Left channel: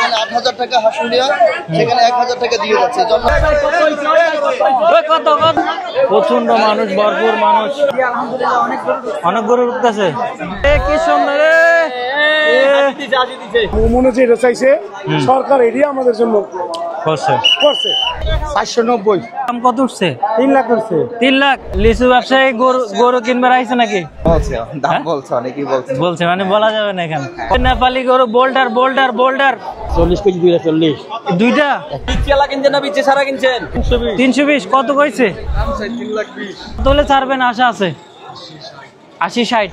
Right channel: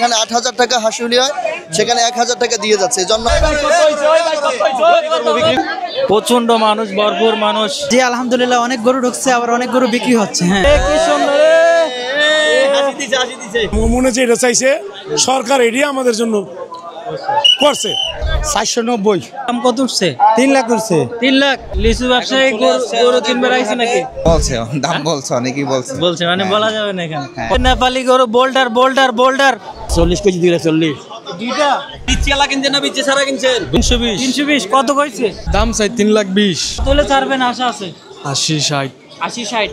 যেখানে ৮,০০০ টাকা হাঁসুনিয়া সেখানে ১,০০০ টাকা দিয়ে যাচ্ছে। প্রচন্ড মানুষ, ভরপুর মানুষ। জি আলহামদুলিল্লাহ, অনেক গরু ঢুকছে, আবার অনেক গরু বিক্রি হচ্ছে। হ্যাঁ, মনে হচ্ছে এটা চাইছে সরকার, এটি আমাদের জন্য করছে। ৪৯০। দাম কত উঠছে? 3 লাখ করছে। 3 লাখ। লিচু ব্যবসায়ী গরু কিনবার আইছে নাকি? বলছে দাম বলছে, অনেকেই বলছে মানে বলা যাবে না এখানে। নেপালি গরু বোল্ডার 40 কেজি দিলে 40। দুইটা বিচেলা কিনছেন না বিচে সারা কিনছেন? 320। কত কইছে দাম চাই 3,20,000। তোলে ছাড়বেন আশা আছে? 80-60। 80-60।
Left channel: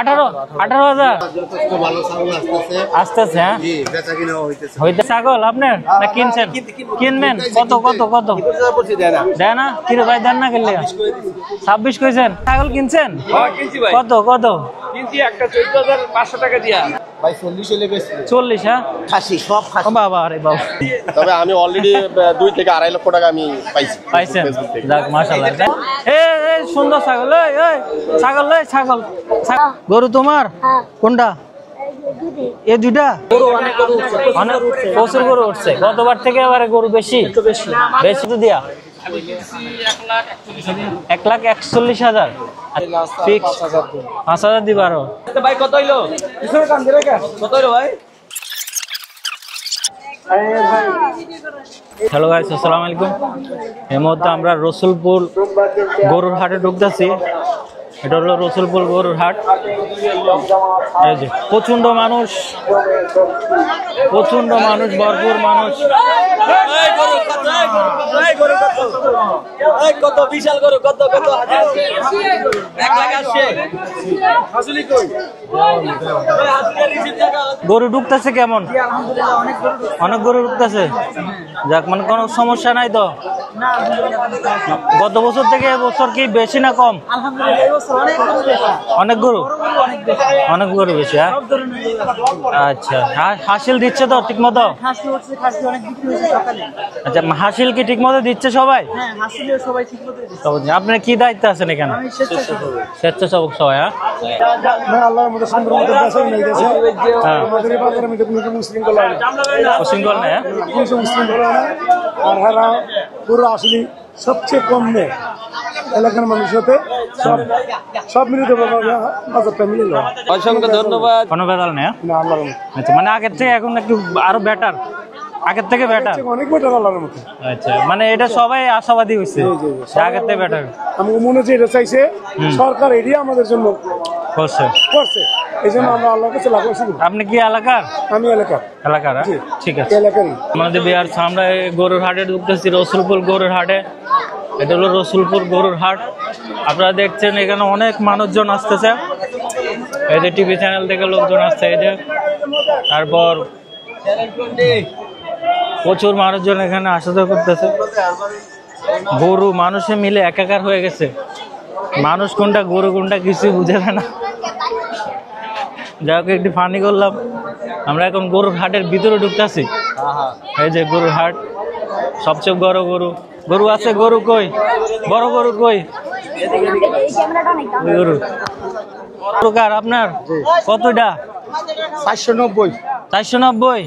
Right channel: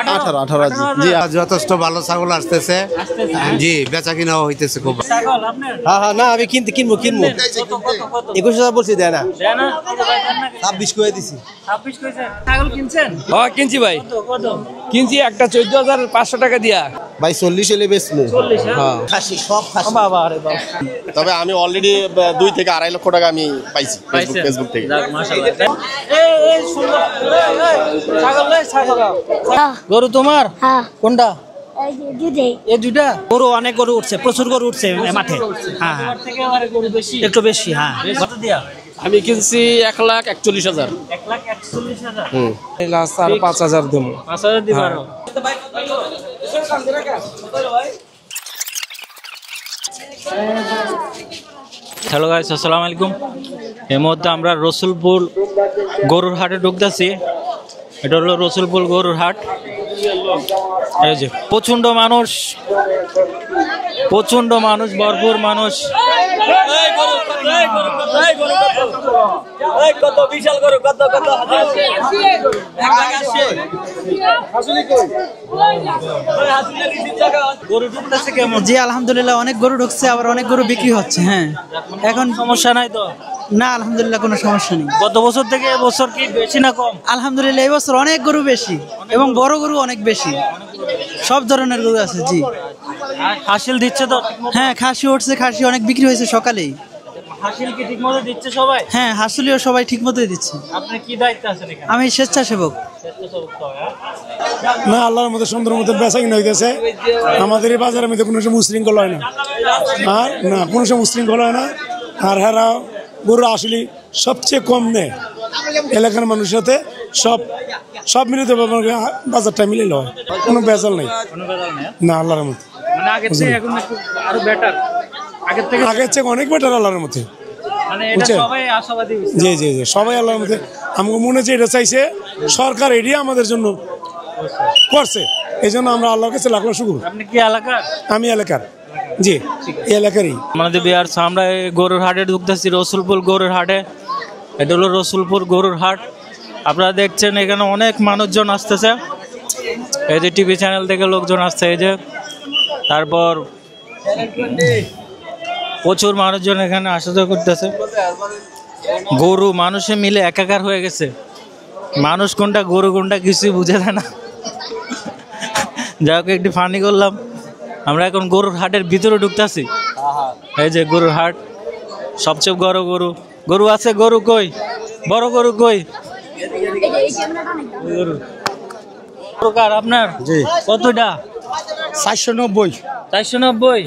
18,000। যথেষ্ট ভালো ছাগল আসতেছে জি, বেচা কিনাও হইতেছে। ছাগল আপনার কিনবেন? কত 21,000 বলছি, দেয় না। দেয় না? কিরে ভাই দেন না গেলে 26 করে দিছি। 26 কইছেন? ছাগল কিনছেন? হ্যাঁ কিনছি ভাই। কত কিনছি একটা 14,500 টাকা দিয়া। ভাই 40 হলে বেচলে। 40? হ্যাঁ, খাসি, সব খাসি। বাবা রে বাবা। তবে আমি অলরেডি 2 থেকে 2.5 লক্ষ টাকা আমি পাইছেন? ফেসবুক থেকে। যাক মাশাআল্লাহ। এই সুন্দর ছাগল। ছাগল। গরু তোমার? কোনটা? এই দুটা গরু অনেক গরু উঠছে, প্রচুর গরু উঠছে। গতবার থেকে এবারে গরু বেশি, একটু বেশি। বেশ। কত দিয়া? আমি কিনছি 1,41,000। 1,41,000। 5,000 দেবো। 5,000 দিবা আরো? ভাই কত হইলো? কত হইলো ভাই? হ্যালো গাইস, আসসালামু আলাইকুম। এই মুহূর্তে আমরা রসুলপুর গরুর হাটে ঢুকতেছি। এটা হলো রসুলপুর গরুর হাট। এই যে প্রচন্ড মানুষ, ভরপুর মানুষ। কত বিশাল গরু, কত গরু ঢুকতেছে কেমন? জি আলহামদুলিল্লাহ, অনেক গরু ঢুকছে, আবার অনেক গরু বিক্রি হচ্ছে। হ্যাঁ, যাক মানে এখন সমস্যা নাই তো? না আলহামদুলিল্লাহ, কোনো সমস্যা নেই। গত বছর থেকে এবছর কি বেশি না কম? আলহামদুলিল্লাহ, এই বছর অনেক গরু বেশি, এবং বড় গরু অনেক বেশি। অনেক গরু বেশি। সব ধরনের গরু আছে। জি আচ্ছা, হাসিল দিচ্ছে তো ঠিক মতো? হ্যাঁ, খাসি উঠছে, খাসি অনেক বিক্রি হয়েছে সকালেই। আচ্ছা, হাসিল কি ঠিক মতো দিচ্ছে সবাই? হ্যাঁ, হাসিলিও সবাই ঠিক মতোই দিচ্ছে। আপনার কি দায়িত্ব আছেন এখানে? আমি স্বেচ্ছাসেবক। স্বেচ্ছাসেবক সবাই? না, আল্লাহর মধ্যে সুন্দর মতো বেচা কিনা হইতেছে। আমাদের এই বাজারের মধ্যে কোনো সময় উশৃঙ্খল হয় না। না, কোনো সময় উশৃঙ্খল হয় না। আর হেরা গরু আসলে সবচেয়ে কম নেয় এলাকার মানুষের সাথে। সব মিলিত বাজারটা মিলে নেওয়া, কোনো বেজাল নেই। কোনো বেদাল নেই না, আল্লাহর মধ্যে। আচ্ছা, মানে আগের থেকে এখন একটু আরো বেটার? আগের থেকে অনেক বেটার আল্লাহর মধ্যে। আচ্ছা, মানে এটা সবাই আশাবাদী হইছে? জি সবাই আল্লাহর মধ্যে। আমাকে মনে হচ্ছে এটা চাইছে সরকার, এটি আমাদের জন্য করছে। এই জন্য আমরা আল্লাহর কাছে লাখ লাখ শুকর। আপনি কি এলাকার? আমি এলাকার। জি, ঠিক আছে। এলাকারই আমাদের বিহার আমরা গরুর হাটে ঢুকতেছি, রসুলপুর গরুর হাটে। এটা হলো রসুলপুর গরুর হাট। আপনারা দেখছেন এখানে অনেক মানুষজন আসতেছে। এই যে টিভি চ্যানেল থেকে লোকজন আসছে। এই যে তারপর প্রচুর মানুষজন এখানে আসা যাওয়া করতেছে। গরু মানুষে মিলে একাকার হয়ে গেছে। মানুষ কোনটা গরু কোনটা কিছুই বুঝে যায় না। যাকে একটু ফানি করলাম। আমরা এখন গরুর হাটের ভিতরে ঢুকতেছি। এই যে গরুর হাট, সবচেয়ে বড় গরু আছে। গরু কই? বড় গরু কই? গরু কার আপনার? কতটা? ৪৯০। 490।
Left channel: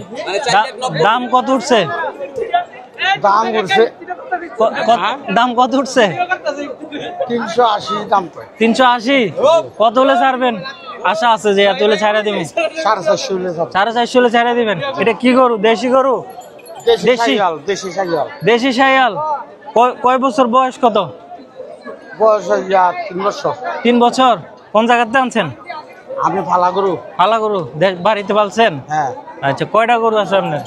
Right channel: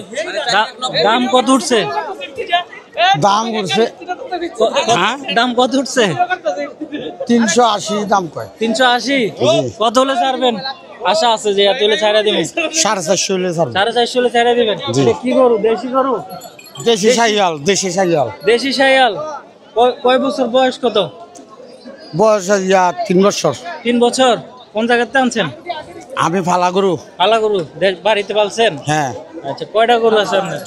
দাম কত উঠছে? দাম কত উঠছে? ৩৮০ দাম কয়। 380। কত হলে ছাড়বেন? আশা আছে যে এত হলে ছাড়া দিবেন? 450 হলে ছাড়বো। 450 হলে ছাড়া দিবেন? এটা কি গরু? দেশি গরু? দেশি শাইয়াল। কয় বছর বয়স? কত বয়স? 3 বছর। 3 বছর। কোন জায়গাতে আনছেন? আমি ফালা গরু। ফালা গরু বাড়িতে পালছেন? হ্যাঁ। আচ্ছা, কয়টা গরু আছে আপনার?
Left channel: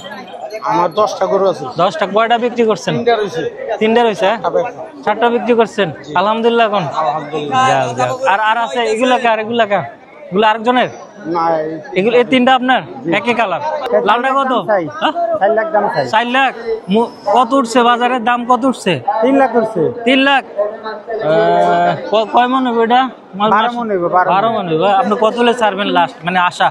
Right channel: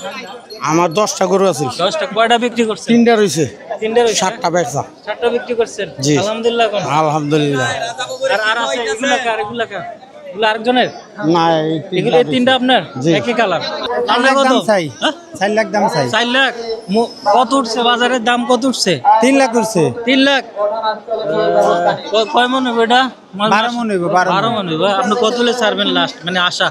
আমার 10টা গরু আছে। 10টা। কয়টা বিক্রি করছেন? 3টা রয়েছে। 3টা রয়েছে? 7টা বেচা। 7টা বিক্রি করছেন? জি আলহামদুলিল্লাহ। এখন আলহামদুলিল্লাহ। আর আছে এগুলো কার? এগুলো আরেকজনের? না, এগুলো এই 3টা আপনার? একই কালার। লালটা কত? 4 লাখ দাম চাই। 4 লাখ। কত উঠছে বাজারের দাম? কত উঠছে? 3 লাখ করছে। 3 লাখ। কয় মন হবে এটা? 12 মন হইব। 12 মন হইব। আপনি কত হলে ছাড়বেন লাস্ট, মানে আশা?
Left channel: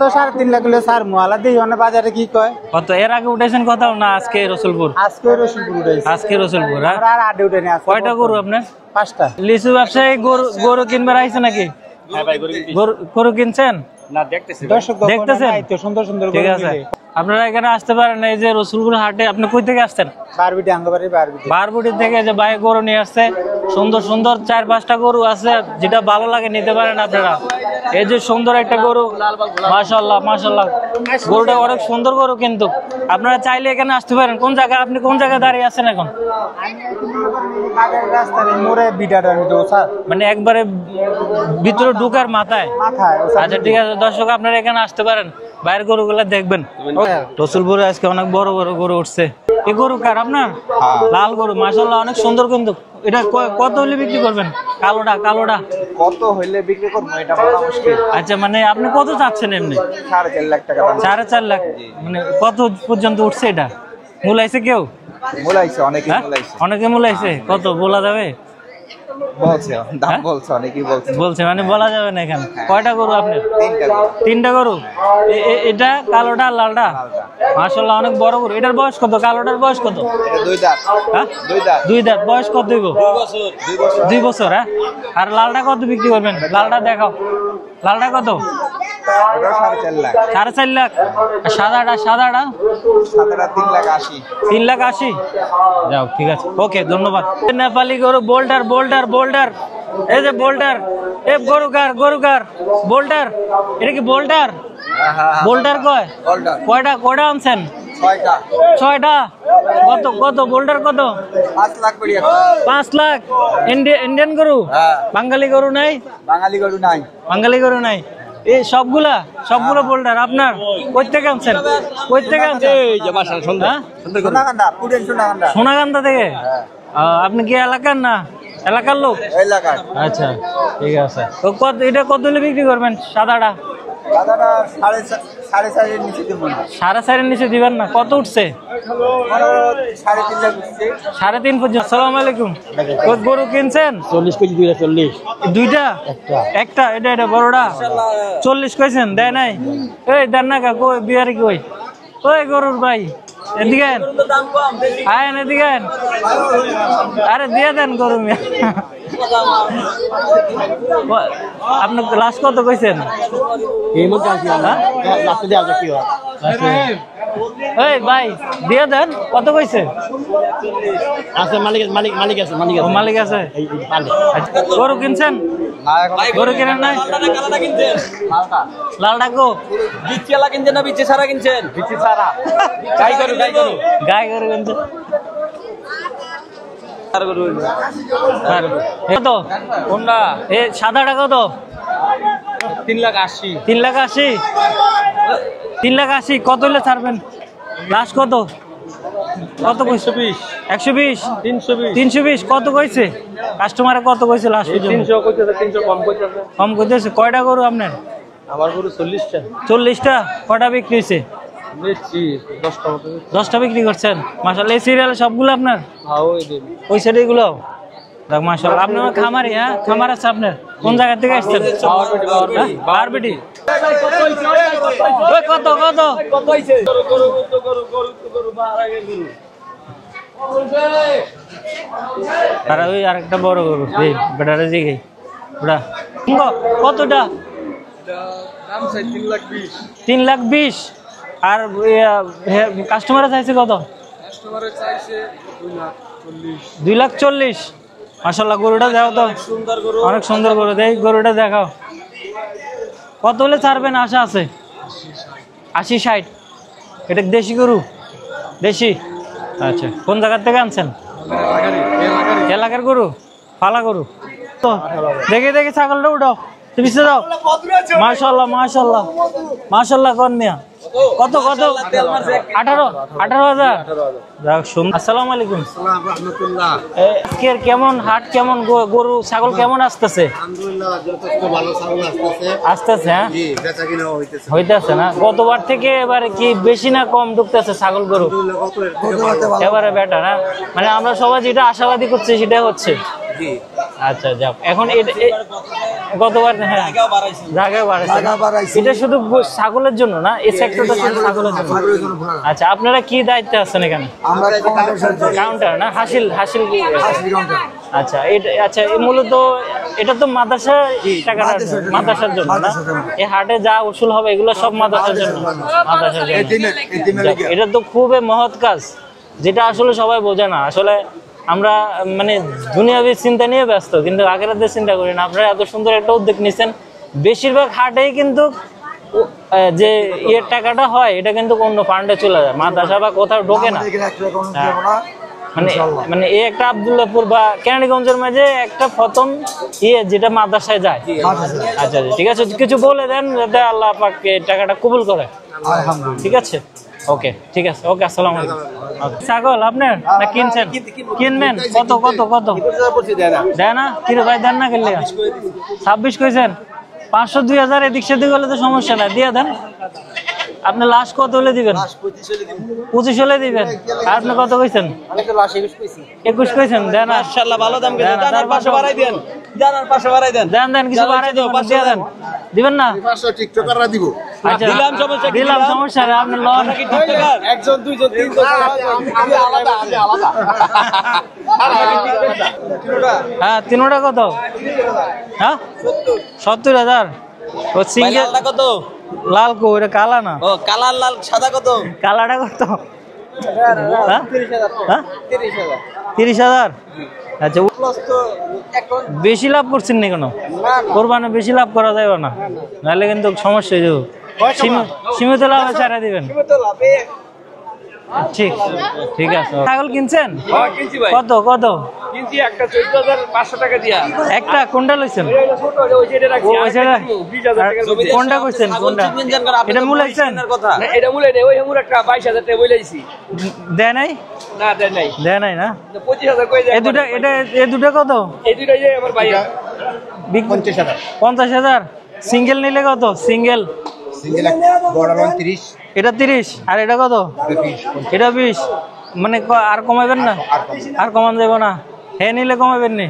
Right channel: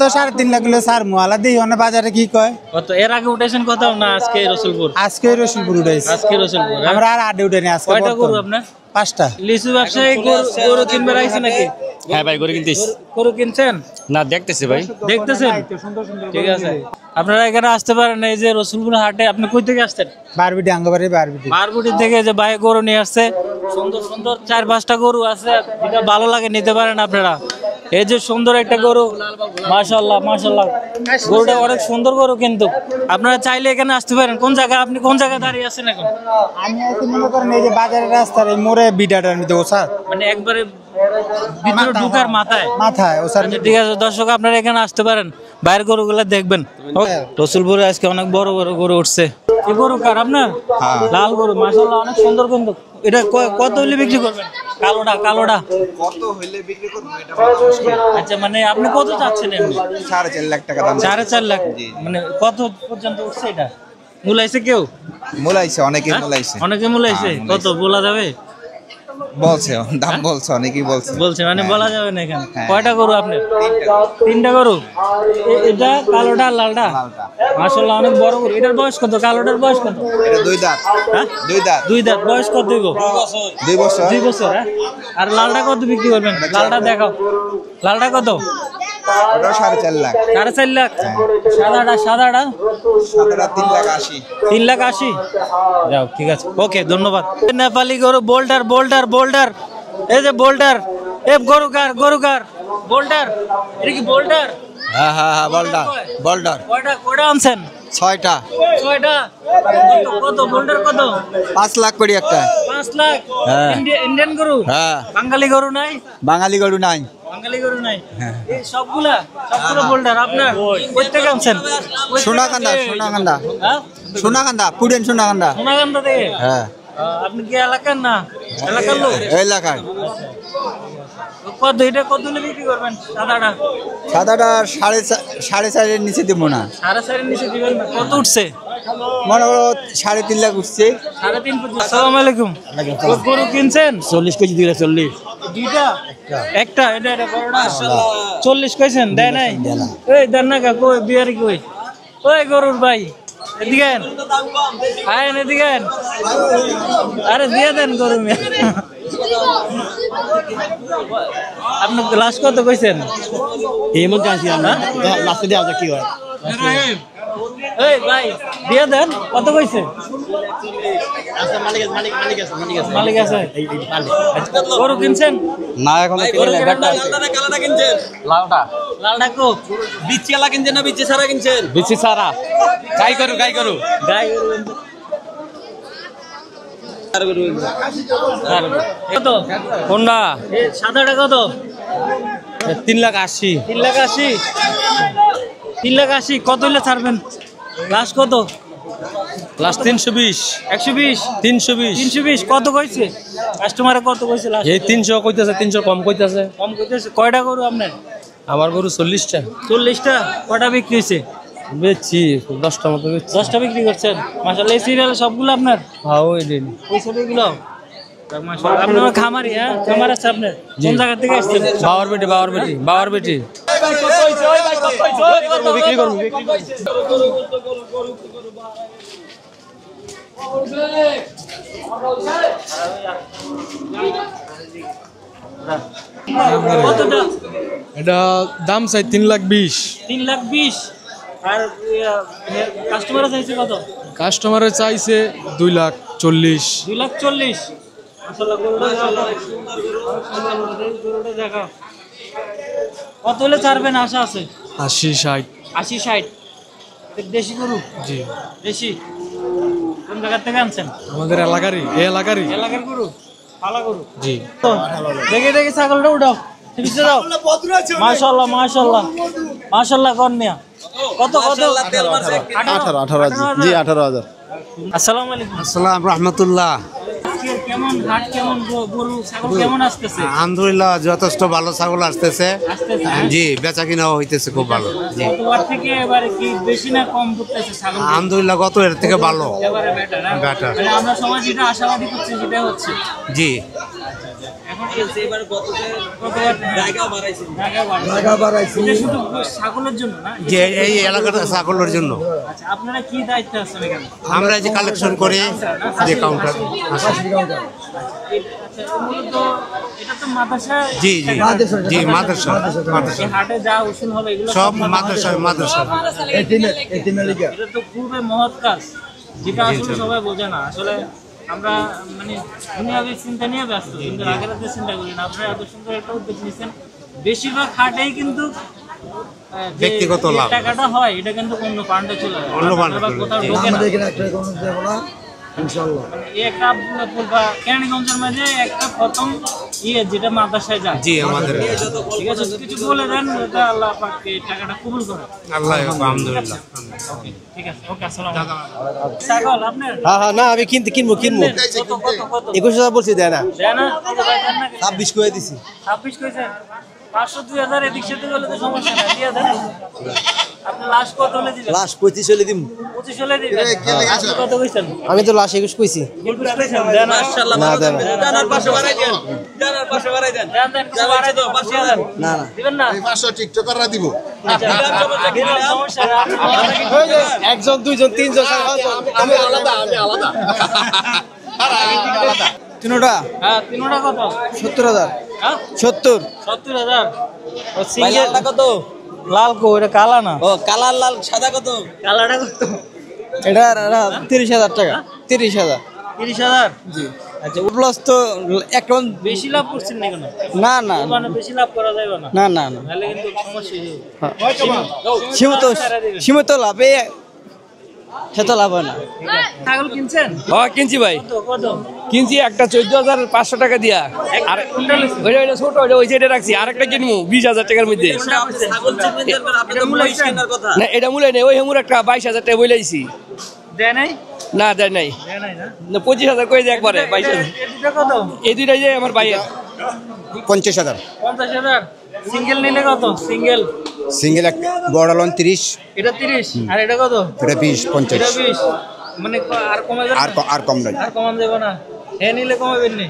তো 3.5 লাখ হলে স্যার মোয়ালা দিই অনেক বাজারে কি কয়। কত এর আগে উঠেছেন কোথাও? না, আজকে রসুলপুর? আজকে রসুলপুর উঠেছে। আজকে রসুলপুর। আমরা আর আড্ডে উঠে নি। আজকে কয়টা গরু আপনার? 5টা। লিচু ব্যবসায়ী গরু কিনবার আইছে নাকি? হ্যাঁ ভাই গরু কিনতেছি। গরু কিনছেন? না দেখতেছি ভাই। দেখতেছেন? ঠিক আছে। আপনারা এখানে আসতে পারেন, এই যে রসুলপুর হাটে। আপনি কই থেকে আসছেন? বারবিটি আঙ্গবাড়ি বারবিটি। বারবুটি থেকে যে ভাই গরু নিয়ে আসছে, সুন্দর সুন্দর 4-5টা গরু আছে, যেটা ভালো লাগে নিতে পারেন আপনারা। এই যে সুন্দর একটা গরু, মাশাআল্লাহ মাশাআল্লাহ, গরুটা অনেক সুন্দর গরু। কিন্তু আপনারা চাইলে এখানে আসতে পারেন। কোন জায়গায়, আপনি কোন জায়গায় দাঁড়িয়ে আছেন এখন? আমি একটু মনে করেন এই যে বাজারের রাস্তার এই মোড়ে বিডাটার মধ্যে ওসা মানে একবারে ভিতরে ঢুকার মাথায়। ওসা। আচ্ছা ঠিক আছে দর্শক, আপনারা এখানে আসতে পারেন, বাইরের গরুগুলো দেখবেন। রসুলপুরে আজকে অনেক বড় বড় গরু উঠছে। এই গরু কার আপনার? লাল গরু, মাশাআল্লাহ অনেক সুন্দর। কিন্তু এটা কত হলে বিক্রি করবেন? কালোটা কত হইলে বিক্রি করব এটা বলা মুশকিল। আচ্ছা, মানে আপনি কত চাচ্ছেন এমনি? 4.5 লাখ টাকা দাম। 4.5 লাখ। মানে কত পর্যন্ত উঠছে এটা? মূলাইছে কেউ? মূলাইছে, অনেকে হ্যাঁ? মূলাইছে। অনেকে মূলাইছে। কত বলা যাবে? বলছে দাম বলছে, অনেকেই বলছে। বলছে মানে বলা যাবে না এখানে। কয়টা গরু আপনি? 3টা গরু। এটা কালোটা আর লালটা? মাশাআল্লাহ অনেক বড় গরু। এটার বয়স কত? কালোটার বয়স কত? এটা 2 দাঁত। হ্যাঁ 2 দাঁত। 2 দাঁত। বয়স কত হইব? 2 বছর। 2 বছর। হ্যাঁ। আর লালটা কত বিক্রি করবেন? লালটা দেখাও। লালটা কত? এটা 4.5 লাখ। 4.5 লাখ। সাদাটা? সাদাটা 3 লাখ 80। 3 লাখ 80। যাও, ঠিক আছে, ওকে, ধন্যবাদ। নেপালি গরু, বোল্ডার। এই যে বোল্ডার। এ গরু কার? বোল্ডার। এটা কি বোল্ডার? বোল্ডার কয়? কয়টা আনছেন? 6টা। 6টা। কত বোল্ডার কত? 5 লাখ করে একটা। 5 লাখ। ইন্ডিয়ান গরু? হ্যাঁ। বাঙালি গরু নাই? বাঙালি গরু নাই। বাঙালি গরু নাই। এই সবগুলো বোল্ডার আপনার? কই থেকে আনছেন? সোনাকান্দা, পুরেন সোনাকান্দা। সোনাকান্দা থেকে? হ্যাঁ। আপনি কি এলাকার না? এলাকার লোক? এলাকার। আচ্ছা ঠিক আছে। তো কত এটা কত হলে বিক্রি করবেন? সাদাটা? সাদাটা 4.5 এর নিচে দেবো না। 4.5 নিচে দিবেন না? কত উঠছে? মনে করো 3.5 লাখ উঠছে। 3.5 পর্যন্ত। আসসালামু আলাইকুম। কত গরু কিনছেন? 40 কেজি দিলে 40। দুইটা? একটা। এটা বড়টা 40 কইছেন? দেয় নাই? এই দেন না কাকু, বিয়ারি কই? ওই গরুর ভাই এদিকে আয়েন, এদিকে আয়েন। আরে দিয়ে দেন গরু। আপনার লাস্ট কত কইছেন? এই মধ্যে আসি আমরা। লাস্টে দেওয়া যাক কি হয়। এই ভাই দিয়ে দেন। কত কইছে? আছে মালিক আছে। মালিক আছে। এই পালে। আচ্ছা, গরু কিনছেন? না এখন গরু কিনেন নাই? কালাটা কিনছেন? লালটা কো? বিচি আলা কিনছেন না বিচি সারা কিনছেন? বিচি সারা। গাই গরু। গাই গরু কিনছেন? কত? হোন্ডা এ সাদাটা কত? 3 লাখ 80। 3 লাখ 80। 3 লাখ 80। কত হলে ছাড়বেন? লাস্ট কত? লাস্ট 320। 120। 320। 320 কত কইছে? কাস্টমারে কত কইছে লাস্ট? এই 300 কইতেছে, 300 কম কইতেছে। কম কইতেছে। কয়টা গরু আপনার? আমার গরু 40টা। 40টা। কটা বিক্রি হয়েছে? বেচি 10টা মতো বেচি। 10টা বিক্রি করছেন? মাশাআল্লাহ। এই সিরিয়ালে সবগুলো আপনার? হ্যাঁ ওই দিন। ওই সাইডে এগুলো? যাক মাশাআল্লাহ। আপনার খামারি? হ্যাঁ খামার আছে আপনার? কোন জায়গা থেকে আসছেন? বাওয়ারবেটি। কত হইছে? ওই ভাই কত হইছে? কত হইছে? গরু আর ওই আরেকটা বড় গরু। এই বেটারে দিকে ওটা কতটা? এটা দাম চাই 3 লাখ 20। 3 লাখ 20। আর কাস্টমার চাইছে কত? কাস্টমারে চাইছে 2 লাখ 40। 2 লাখ 40। মাশাআল্লাহ। গরুটা দেখো তো, অনেক সুন্দর গরু। দেখ গরুটা দেখাও। কত হলে ছাড়বেন আশা আছে? 80 60। 80 60। এটা দেশি গরু? জি দেশি। আচ্ছা, কোন জায়গা থেকে আনছেন? আমাদের এলাকার গরু? পালা গরু? জি। দেখে ছাগলটা উঠাও। তুমি যাও। মাশাআল্লাহ মাশাআল্লাহ কন্যা। কত? 18,000। যাক শুন। আসসালামু আলাইকুম। আসসালামু রাহমাতুল্লাহ। আজকের কেমন হাট, কেমন গরু ছাগল কেমন আসতেছে? আলহামদুলিল্লাহ যথেষ্ট ভালো ছাগল আসতেছে। হ্যাঁ? জি, বেচা কিনাও হইতেছে খুব হইতাছে ভালো। না? গতবার থেকে এবারে কি বেশি না কম ঢুকতেছে ছাগল গরু? আলহামদুলিল্লাহ গত এর থেকে ভালো। এবারে বেটা না? বেটা। মানে আমরা সবাই যেটা আশাবাদী করছি সেটা হচ্ছে। জি। আচ্ছা যাক এখন গতবার জায়গা বাড়াইছে এটা শুধু ছাগলের জন্য না এই সেক্টরটা ছাগলের জন্য। আচ্ছা আপনারা কি দায়িত্বে আছেন এখানে আমরা যে কালেকশন করি না হাসিল আচ্ছা আচ্ছা এই মূলত এটা তো মাদ্রাসা টাকা না? মাদ্রাসার জন্য না? এই হাটে যা উসুল হবে এগুলো সব মাদ্রাসা এটা তো খুবই মহৎ কাজ যেটা আসলে সবাই বোঝে না আসলে আমরা মানে দুনিয়াবী চিন্তা নিয়ে ব্যস্ত কিন্তু আখিরাতের চিন্তা করি না আপনারা এত সুন্দর একটা উদ্যোগ নিচ্ছেন বেশিরভাগ হাটেই কিন্তু যে টাকাটা হয় এটা কিন্তু অন্য ফান্ডে চলে যায় মাদ্রাসা বা কোথাও ঢোকে না মানে এই একটা আব্দুল্লাহপুর বা কেরানীগঞ্জের মাঝে একটা প্রথম যেটা মাদ্রাসায় যায় আচ্ছা ঠিক আছে কিছু বলে দেন যাতে আল্লাহ পাক টাকাটা কবুল করে ঠিক আছে ওকে ঠিক আছে ওকে আসসালামু আলাইকুম ছাগল আপনার কিনবেন কত কত কত 21000 বলছি দেয় না দেয় না কিরে ভাই দেন না গেলে 26 কই দিছি 26 কইছেন 500 2000 এদিক সেদিক হলে তো সমস্যা না দিয়ে দেন আপনি লাস্ট কত হলে দিবেন লাস্ট 25 হলে দিম 25 হলে দিবেন আপনি কত কইছেন আমি তো লাস্ট 21 কইছি 21 কইছেন দেন মাশাআল্লাহ ভালো দাম জানার 500 বাড়াই দেন জানার 500 বাড়াই দেন দেন কিছু বাড়াই দেন 500 দেন দিবেন না 500 টিকটকাররা দিব আচ্ছা দিলাম সমস্যা না আপনি একজন দুইজন তিনজন আমি আলাদা আর আমি আলাদা তিনটা হ্যাঁ তিনটা কত 70000 হ্যাঁ 70000 ও সিঙ্গেল কত লাল কো এটা কালা না ও কালার লাল সাদা কত কালাটা কত এটা 30000 টাকা 30000 30000 আচ্ছা প্লাস তো এখন বেশি লাভ করছেন না কেন না কোরবানি বেশি লাভ করা যাবে না না না নাহলে কিন্তু সমস্যা হয়ে যাবে সীমিত লাভ ছাড়া দিবেন সীমিত লাভে ঠিক লাভ হয় না ঠিক আছে ছাগল কিনছেন হ্যাঁ কিনছি ভাই কত কত কিনছি একটা 14500 টাকা দিয়া একটা কোনটা নিছেন ওইটা ছোট ওই যেটা রাখছি আরেকটা কিনবো 20000 টাকার মধ্যে কোনটা কইছেন কোনটা এটা মূল আইছেন না এটা মূলে নেই ওই হেমুর একটা 22000 টাকা বইলাইছি দেয় নাই না দেয় নাই না না 25000 কই দেয় একবারে এই দুটো কত এই দুইটাই যে আমার ভাই 50000 সিঙ্গেল নিলে কত সিঙ্গেল সিঙ্গেল বড় লন 30 এটা 30 আর এটা কত এটা 20 50 এটা 20 মানে আর কমাবেন না আর কম নাই আর কমান দেব না হে নিলে কমাবেন নি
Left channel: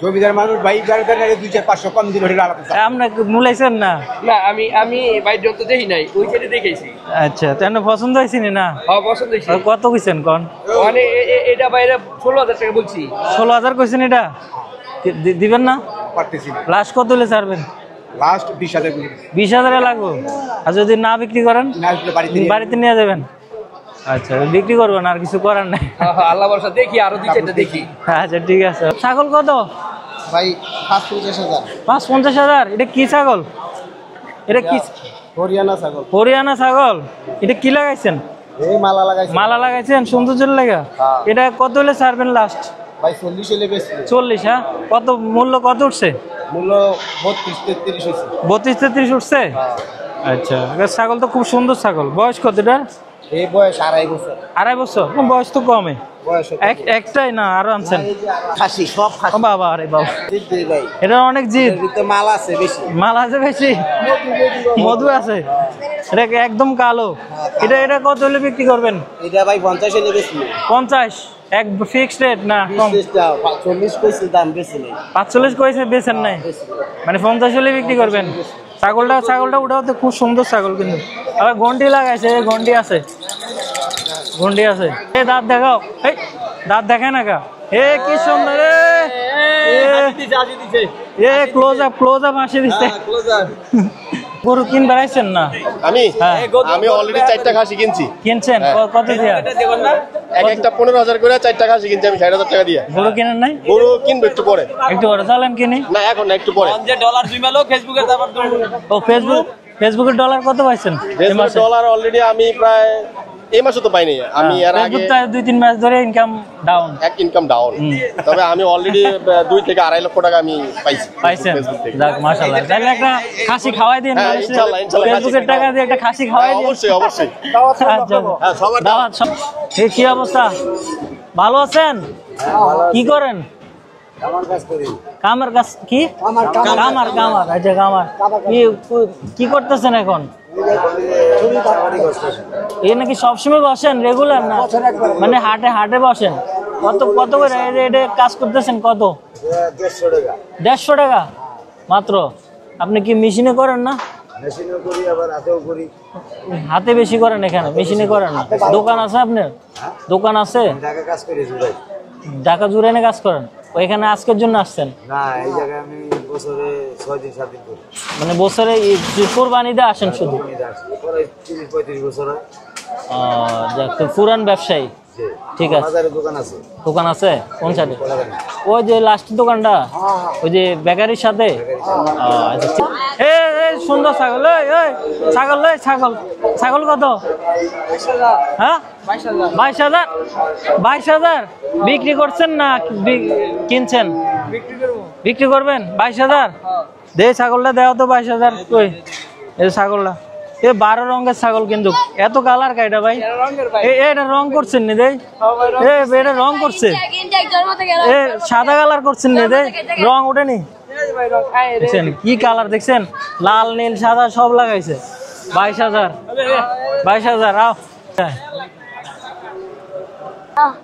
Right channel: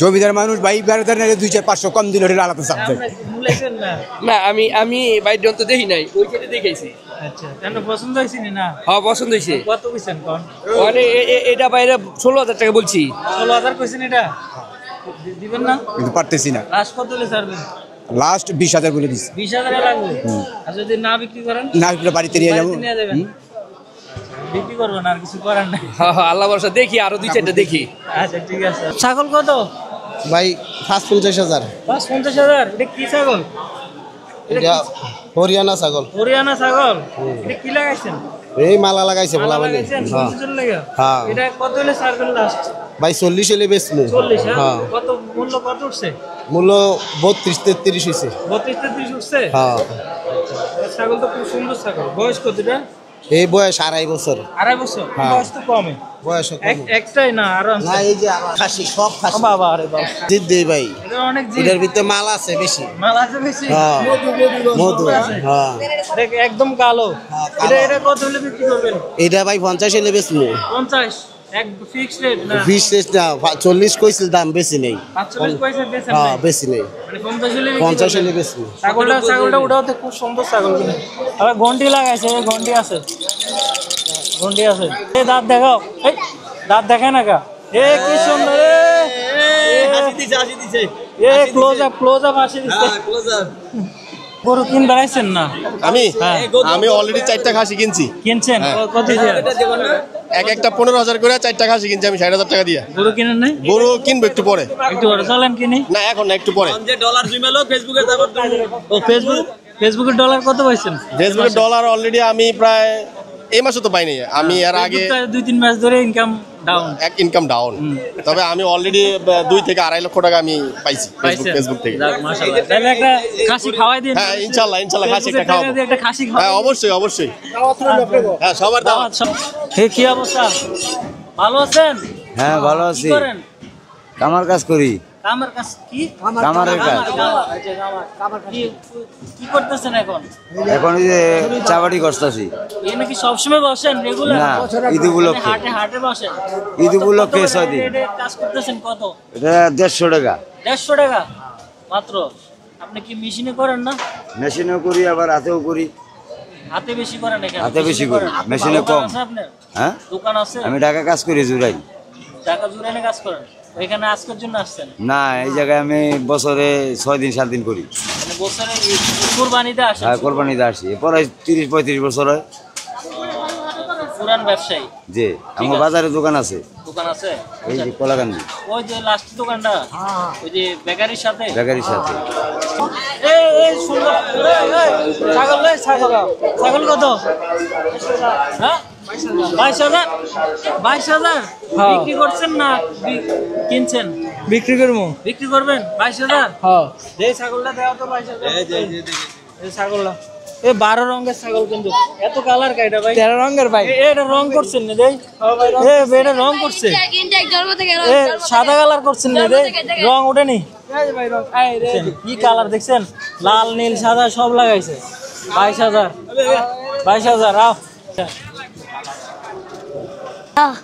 জমিদার মানুষ ভাই গাড়িতে 2-4-500 কম দিন হলে আলাদা চাপ আপনি মূলাইছেন না না আমি ভাই যত দেখি নাই ওই যেটা দেখাইছি আচ্ছা তেন পছন্দ হইছে না হ্যাঁ পছন্দ হইছে কত কইছেন কোন মানে এটা বাইরে 16000 টাকা বলছি 16000 কইছেন এটা দিবেন না কিন্তু পারতেছি না লাস্ট কত হলে ছাড়বেন লাস্ট 20000 বলে দিছি 20000 লাগবে আর যদি না বিক্রি করেন না বাড়িতে নিয়ে যাবেন আচ্ছা বিক্রি করবেন আর কিছু করার নাই হ্যাঁ আল্লাহ ভরসা দেখি আরো দুই চারটা দেখি আচ্ছা ঠিক আছে ছাগল কত ভাই 55000 55000 এটা কি ছাগল এটা কি হরিয়ানা ছাগল এটা কি লাগাইছেন এই মালা লাগাইছেন সৌন্দর্যের লাগা হ্যাঁ। এটা কত হলে ছাড়বেন লাস্ট ভাই 40 হলে বেচবো 40 হ্যাঁ কত মূল্য কত উঠছে মূল্য 32-33 হইছে 32-33 উঠছে হ্যাঁ আচ্ছা এটা ছাগল তো খুব সুন্দর ছাগল বয়স কতটা এই বয়স 2.5 বছর 2.5 বছর বয়স তো কমই বয়স একটাই না আরো না আনছেন এই যে খাসি সব খাসি বাবা আরে বাবা জিদ দেই ভাই এটা অনেক জি এর ভিতরে মাল আছে বেশি মাল আছে বেশি মধু আছে হ্যাঁ এটা একদম কালো এটা কত হলে বিক্রি করবেন এটা ভাই 50 হলে বেচবো 50 এক ফিক্সড রেট না 40 কইছিল দাম বেশি নেই 45 কইছে বেচেন নাই বেশি নেই মানে 50 হলে বিক্রি 50 করবেন হলে বেশি ছাগলটা উঠাও তো খুব সুন্দর ছাগল কিন্তু আবার ঘন্টি লাগাইছে ঘন্টি আছে এই দাঁত দেখাও এই দাঁত দেখায় না কা এ কি সুন্দর হাসি দিছে এ ক্লোজ আপ আসে দিচ্ছে গরু কিন বেড়াইছেন না আমি হ্যাঁ আমি অলরেডি 4টা খাসি কিনছি কিনছেন কত দিয়া এক একটা 15000 করে 4টা খাসি কিনছি আমি 60000 টাকা দিয়ে গরু কিনেন নাই গরু কিনবো একটু পরে একটু বড় চলেন কিনি না এখন না একটু পরে যে ডলার জুমালো ফেসবুকে তারপর ও ফেসবুকের ডলার কত পাইছেন ডলার অলরেডি আমি প্রায় এই মাসে তো পাইনি আমি এর আগে 2-3 মাস ধরে ইনকাম ডাউন ইনকাম ডাউন তবে আমি অলরেডি 2 থেকে 2.5 লক্ষ টাকা আমি পাইছি ফেসবুক থেকে যাক মাশাআল্লাহ তাহলে একটা খাসি খাওয়াই দেন হ্যাঁ ইনশাআল্লাহ ফেসবুকের টাকা দিয়ে একটা খাসি খাওয়াই হ্যাঁ অবশ্যই হ্যাঁ সবার দাওয়াত কি অবস্থা ভালো আছেন হ্যাঁ ভালো আছি কি করেন কামার কাজ করি কামার কাজ কি কামার আচ্ছা কামার কি করতেছেন এখন এখন এই যে চাবাড়ি করতেছি এই নাকি সবসময় বসেন রেগুলার মানে হাটে বসেন ঈদ উপলক্ষে 6 দিন। এটা কাজ করতেছেন কত? এটা 150 টাকা। 150 টাকা মাত্র। আপনি কি মেশিনে করেন না? মেশিনেও করি আবার হাতেও করি। হাতে বেশি করেন এখানে, হাতে বেশি মেশিনে করি। করেন না? মেশিনে দোকান কম। আছে আপনার? হ্যাঁ দোকান আছে? আমি ঢাকা কাজ করি জুরাই। ঢাকা জুরাইনে কাজ করেন? ওইখানে আজকের জন্য আসছেন? না এই জায়গায় আমি বছরে 6 দিন 7 দিন করি। মানে বছরে কুরবানিতে আসেন? হ্যাঁ কোরবানিতে আসি। এরপরে 30-35 বছর হয়। যাক, তো পুরান ব্যবসায়ী। জি ঠিক আমার আছে। বাজারে দোকান আছে। দোকান আছে কোন সাইডে? কোলাগান্ধী। ওই যে লাস্ট দোকানটা, ওই যে বেকারির সাথে? বেকারির সাথে। এই সুন্দর ছাগল, ছাগল নাই, ছাগল। ছাগল কত? হ্যাঁ 22,000। 22,000 বিক্রি করছেন না কিনছেন? বিক্রি করবো। বিক্রি করবেন 22,000? দে ছাগলটা দেওয়া তো 22,000। এই ছাগলটা 12 রঙের ছাগল, কিন্তু এত কালার কাইটা ভাই? 13 রঙের ভাই। এটা রং করছেন নি দেই? এটা রং করছে? সাদা কালার করছেন নি দেই? রং ওঠেনি? দেখছেন কি কালার দেখছেন? লাল নীল সাদা সব লাগাইছে। 22,000। 22,000 আও।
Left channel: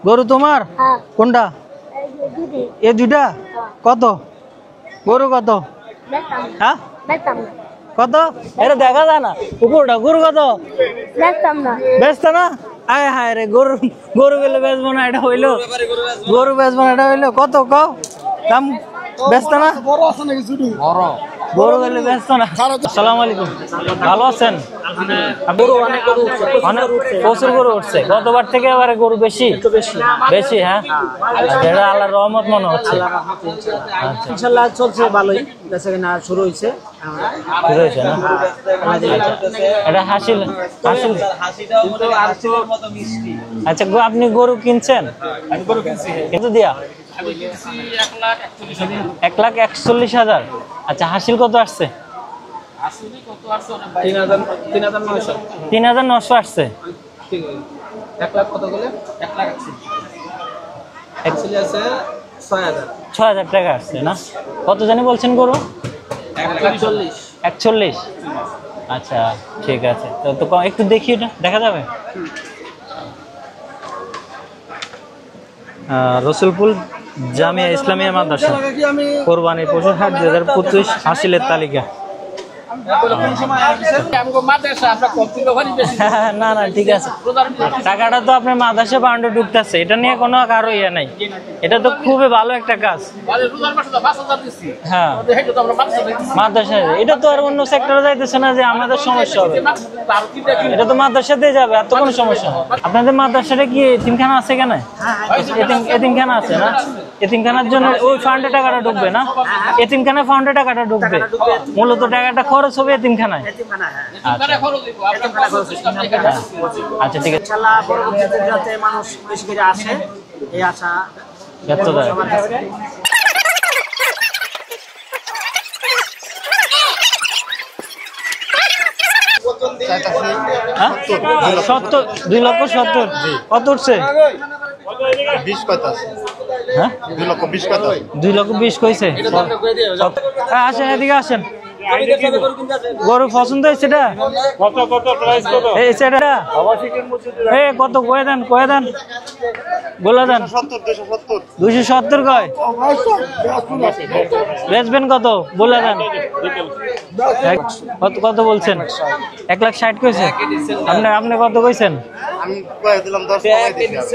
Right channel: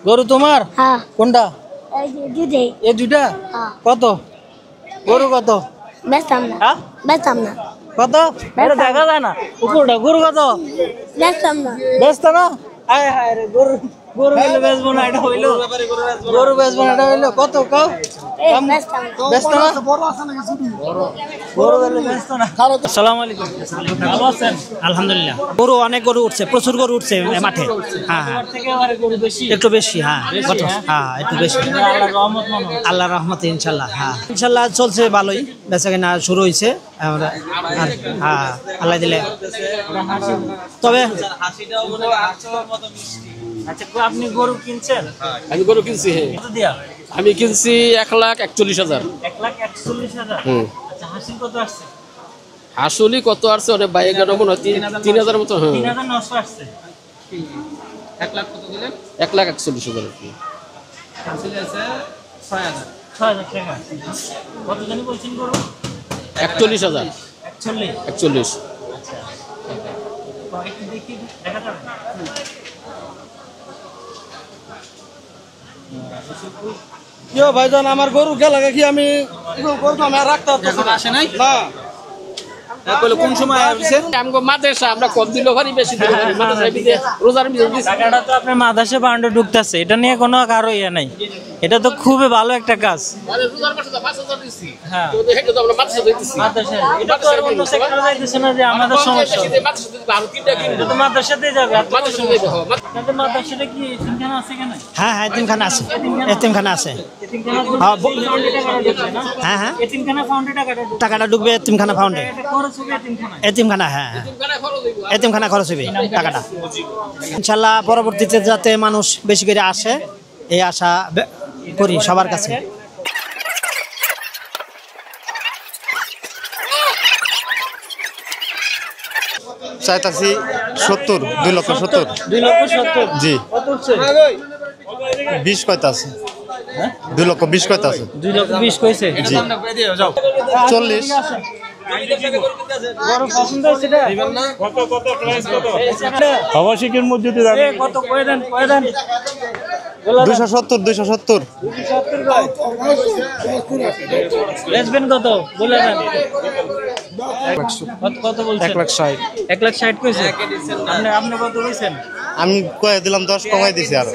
গরু তোমার? কোনটা? এই দুটা কত? গরু কত? হ্যাঁ কত? এটা দেখা যায় না উপরটা। গরু কত? বেচত না? আয় হায় রে, গরু গরু গেলে বেচবো না, এটা হইলো গরু বেচবো না, এটা হইলো কত? বেচত না? গরু গেলে বেচত না। আসসালামু আলাইকুম, ভালো আছেন? আলহামদুলিল্লাহ। গরু অনেক গরু উঠছে, প্রচুর গরু উঠছে। প্রচুর গরু উঠছে। গতবার থেকে এবারে গরু বেশি? একটু বেশি। হ্যাঁ বেশি। হ্যাঁ একটু বেশি। এটা আল্লাহর রহমত মনে হচ্ছে। আল্লাহর রহমতে ইনশাআল্লাহ। ইনশাআল্লাহ চলছে ভালোই, বেচাকেনা শুরু হয়েছে। হ্যাঁ আল্লাহ দিলে। এটা হাসিল। তবে আচ্ছা, আপনি গরু কিনছেন? আমি গরু কিনছি। কত দিয়া? আমি কিনছি 1,41,000। 1,41,000। আচ্ছা, হাসিল কত আসছে? আসলে কত আসছে ওটা বাইরে গেল কোনো 3,000 মতো। 3,900 আসছে। 1,41,000। 6,000 টাকা আসছে না? কত জানি বলছেন গরু? 41,000। 41। আচ্ছা ঠিক আছে, তো একটু দেখি, এটা দেখা যাবে? রসুলপুর জামিয়া ইসলামিয়া মাদ্রাসা কোরবানির পশু হাট 2025 হাসিলের তালিকা। কোন সময় আসছে? আমগো মাদ্রাসা আমরা কম দিল পারি বেশি। না না ঠিক আছে। রোজার ভিতরে টাকাটা তো আপনার মাদ্রাসা বাউন্ডে ঢুকতেছে, এটা নিয়ে কোনো কারো ইয়ে নাই। এটা তো খুবই ভালো একটা কাজ। মানে রোজার মাসে 5,000 দিছি। হ্যাঁ তো এটা তো আমরা মাদ্রাসা দিছি। মাদ্রাসা, এটা তো আর অন্য সেক্টরে যাইতেছে না যে আমাদের সমস্যা হবে। এটা তো মাদ্রাসাতে যাবে, আর তো কোনো সমস্যা হবে। আপনাদের মাদ্রাসাটা কি এতিমখানা আছে কেন? হ্যাঁ এতিমখানা আছে। এতিমখানা আছে। এতিমখানার জন্য ওই ফান্ডে টাকাটা ঢুকবে না? হ্যাঁ এতিমখানা ফান্ডে টাকাটা ঢুকবে। এতিমখানা ফান্ডে। টাকাটা খরচ হবে এতিমখানায়। এতিমখানা, হ্যাঁ এতিমখানা খরচ হবে টাকাটা। আচ্ছা ঠিক আছে। ইনশাআল্লাহ পরবর্তীতে যাতে মানুষ বেশি করে আসে, এই আশা করি সবার কাছে। চাইতাছি 70, 2,70,000। 2,70,000? জি। কত উঠছে? 20 কত আছে? হ্যাঁ 2,20,000 কত আছে? 2,20,000 কইছে? আচ্ছা এদিকে আসেন। গরু পছন্দ হয়েছে না? কত প্রাইস কত? এই সেটা আবাসিকের মধ্যে কত কয় দেন বলা দেন। 270 270 কয়? বেচবেন কত বলা দেন। কত বলছেন? 1,60,000 কইছে। আপনি কত কইছেন? আমি কয়ে দিলাম 10 কমাই দিছি। আর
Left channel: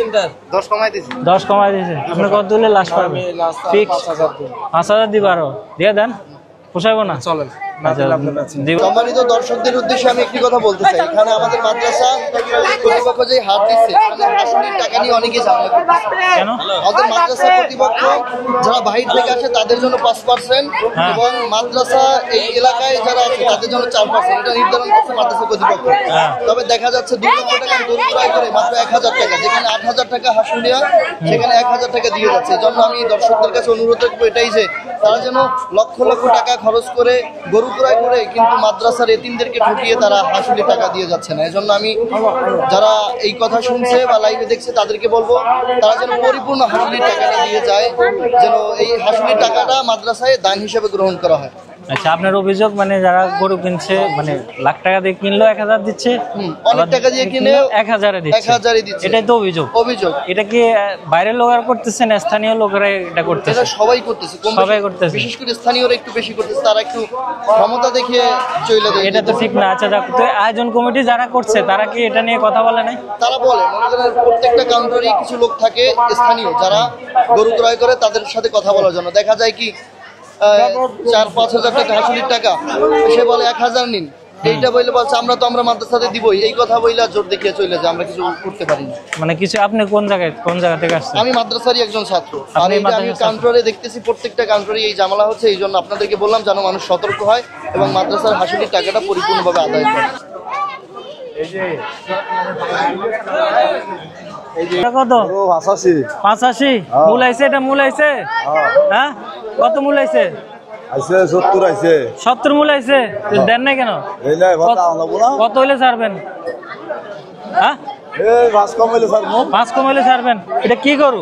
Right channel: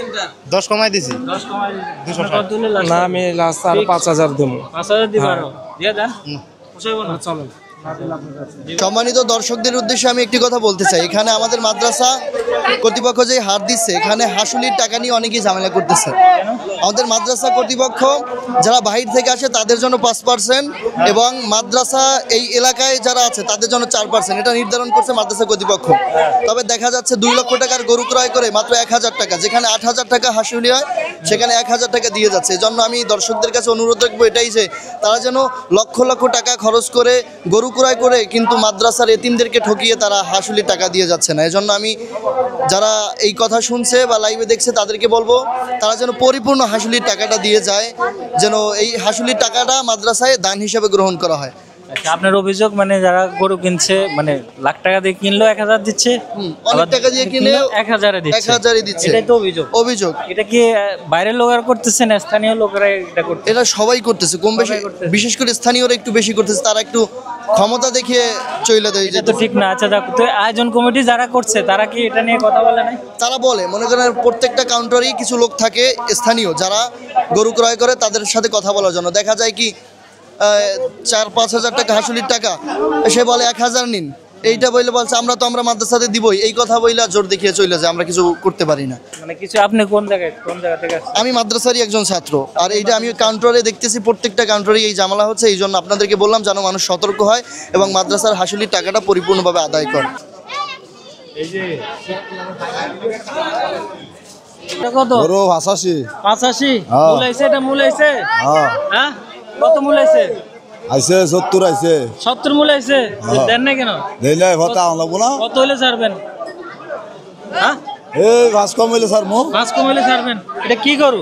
10 কমাই দিছি। 10 কমাই দিয়েছে। আপনি কত দিলে লাস্ট? আমি লাস্ট 5,000 দেব। 5,000 দিবা আরো? দিয়ে দেন, পোষাবো না? চলেন না দিলে আপনার কাছে। সম্মানিত দর্শকদের উদ্দেশ্যে আমি একটি কথা বলতে চাই। এখানে আমাদের মাদ্রাসা কর্তৃপক্ষ যে হাট দিচ্ছে, এখানে হাসুলির টাকা নিয়ে অনেকেই ঝামেলা করতেছে। আমাদের মাদ্রাসা কর্তৃপক্ষ যারা বাহির থেকে আসে তাদের জন্য 5% এবং মাদ্রাসা এই এলাকায় যারা আছে তাদের জন্য 4%, এটা নির্ধারণ করছে মাদ্রাসা কর্তৃপক্ষ। তবে দেখা যাচ্ছে 2 লক্ষ টাকার গরু ক্রয় করে মাত্র 1,000 টাকা, যেখানে 8,000 টাকা হাসুল নেয় সেখানে 1,000 টাকা দিয়ে যাচ্ছে। এজন্য আমি দর্শকদের কাছে অনুরোধ রাখবো এটাই যে তারা যেন লক্ষ লক্ষ টাকা খরচ করে গরু ক্রয় করে কিন্তু মাদ্রাসার এতিমদেরকে ঠকিয়ে তারা হাসুলি টাকা দিয়ে যাচ্ছে না। এজন্য আমি যারা এই কথা শুনছে বা লাইভে দেখছে তাদেরকে বলবো তারা যেন পরিপূর্ণ হাসুলির টাকাটা দিয়ে যায়, যেন এই হাসুলির টাকাটা মাদ্রাসায় দান হিসেবে গ্রহণ করা হয়। আচ্ছা, আপনার অভিযোগ মানে যারা গরু কিনছে মানে লাখ টাকা দিয়ে কিনলো 1000 দিচ্ছে, অনেক টাকা দিয়ে কিনে 1000 দিচ্ছে, 1000 দিচ্ছে। এটাই তো অভিযোগ। এটা কি বাইরের লোকেরা করতেছে না স্থানীয় লোকেরা এটা করতেছে? এটা সবাই করতেছে, কম বেশি বিশেষ করে স্থানীয়রা একটু বেশি করতেছে, তারা একটু ক্ষমতা দেখে চলে দেয়। এটা তো ঠিক না। আচ্ছা দেখো তো, আয়োজন কমিটি যারা করছে তারা কি এটা নিয়ে কথা বলে নাই? তারা বলে, মনে করেন প্রত্যেকটা কাউন্টারে কিছু লোক থাকে স্থানীয় যারা গরু ক্রয় করে, তাদের সাথে কথা বলার জন্য দেখা যায় কি 4-5 হাজার টাকা হাসুলির টাকা, সে বলে 1000 নিন, এইটা বললে বলছে আমরা মাদ্রাসাতে দিবই, এই কথা বইলা জোর দেখিয়ে চলে যায়, আমরা কিছু করতে পারি না। মানে কিছু আপনি কোন জায়গা থেকে আসছেন? আমি মাদ্রাসারই একজন ছাত্র, আর এইটা আমি কাউন্টারে দেখতেছি প্রত্যেকটা কাউন্টারে এই ঝামেলা হচ্ছে, এই জন্য আপনাদেরকে বললাম যেন মানুষ সতর্ক হয় এবং মাদ্রাসার হাসুলির টাকাটা পরিপূর্ণভাবে আদায় করে। কত? 85 মূল আইছে, এটা মূল আইছে, হ্যাঁ কত মূল আইছে? 70 মূল আইছে, দেন না কেন? কত হইলে ছাড়বেন? হ্যাঁ 5 কম হইলে ছাড়বো। 5 কম হইলে ছাড়বেন। এটা কি গরু?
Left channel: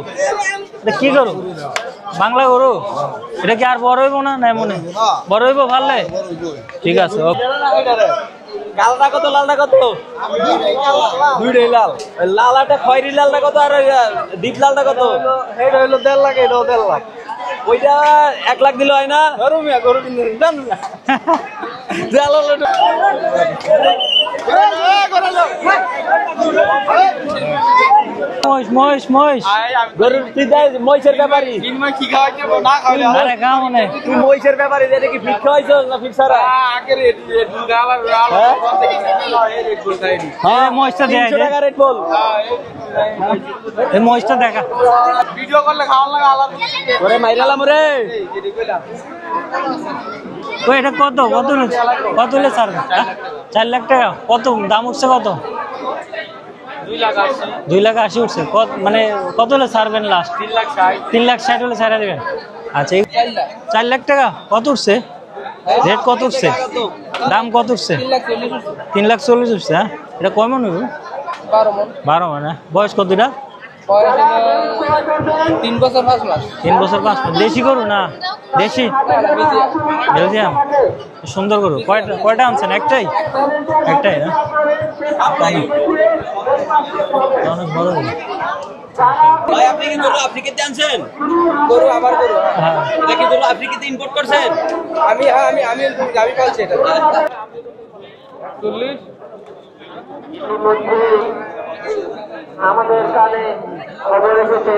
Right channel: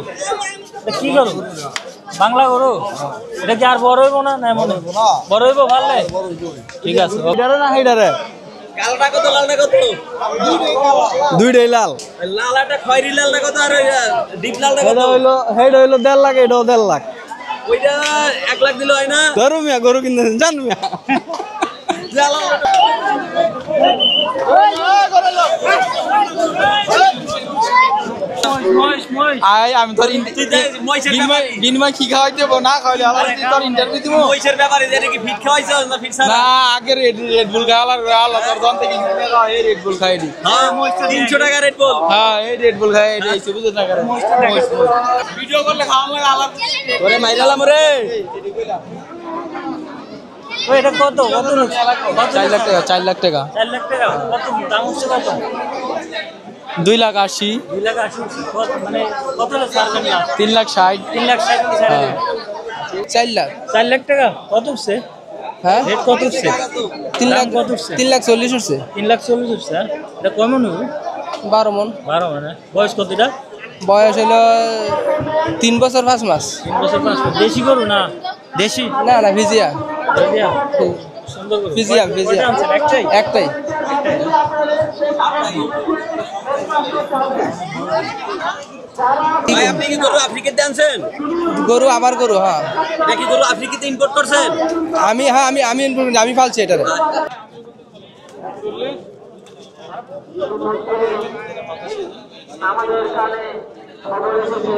বাংলা গরু? এটা কি আর বড় হইব না? নাই মনে বড় হইব, ভালো ঠিক আছে। লালটা কত? লালটা কত? দুইটাই লাল। লালাটা খয়রি লালটা কত আর ডিপ লালটা কত? হেড হইলো 1.5 লাখ, এটাও 1.5 লাখ। ওইটা 1 লাখ দিলে হয় না? ধরো মিয়া, গরু কিনতে জান মিয়া। ভিডিও করলে খাওয়ান লাগে আলার করে মাইরালাম রে। তো এটা কত 4 লাখ টাকা। 4 লাখ টাকা কত দাম হচ্ছে? কত? 2,80,000 2,80,000 উঠছে। মানে কত হলে ছাড়বেন লাস্ট? 3,60,000 3,60,000 হলে ছাড়া দেবেন। আচ্ছা 4 লাখ টাকা কত উঠছে? রেট কত উঠছে? দাম কত উঠছে? 3,40,000 উঠছে। 3,40,000 উঠছে। হ্যাঁ, এটা কয় মন হইব? 12 মন। 12 মন। বয়স কতটা? বয়স হলো 3 বছর 5 মাস। 3 বছর 5 মাস। দেশি গরু না? দেশি না ভিজিয়া। সুন্দর গরু। কয়টা আনছেন? একটাই। না? অনেক বড় গরু। ভাই আপনি কি গরু আফ্রিকাতে আনছেন? গরু আমার গরু। হ্যাঁ, এটা কি গরু আফ্রিকাতে ইম্পোর্ট করছেন? আমি পালছি এটা। আমাদের কানে খবর এসেছে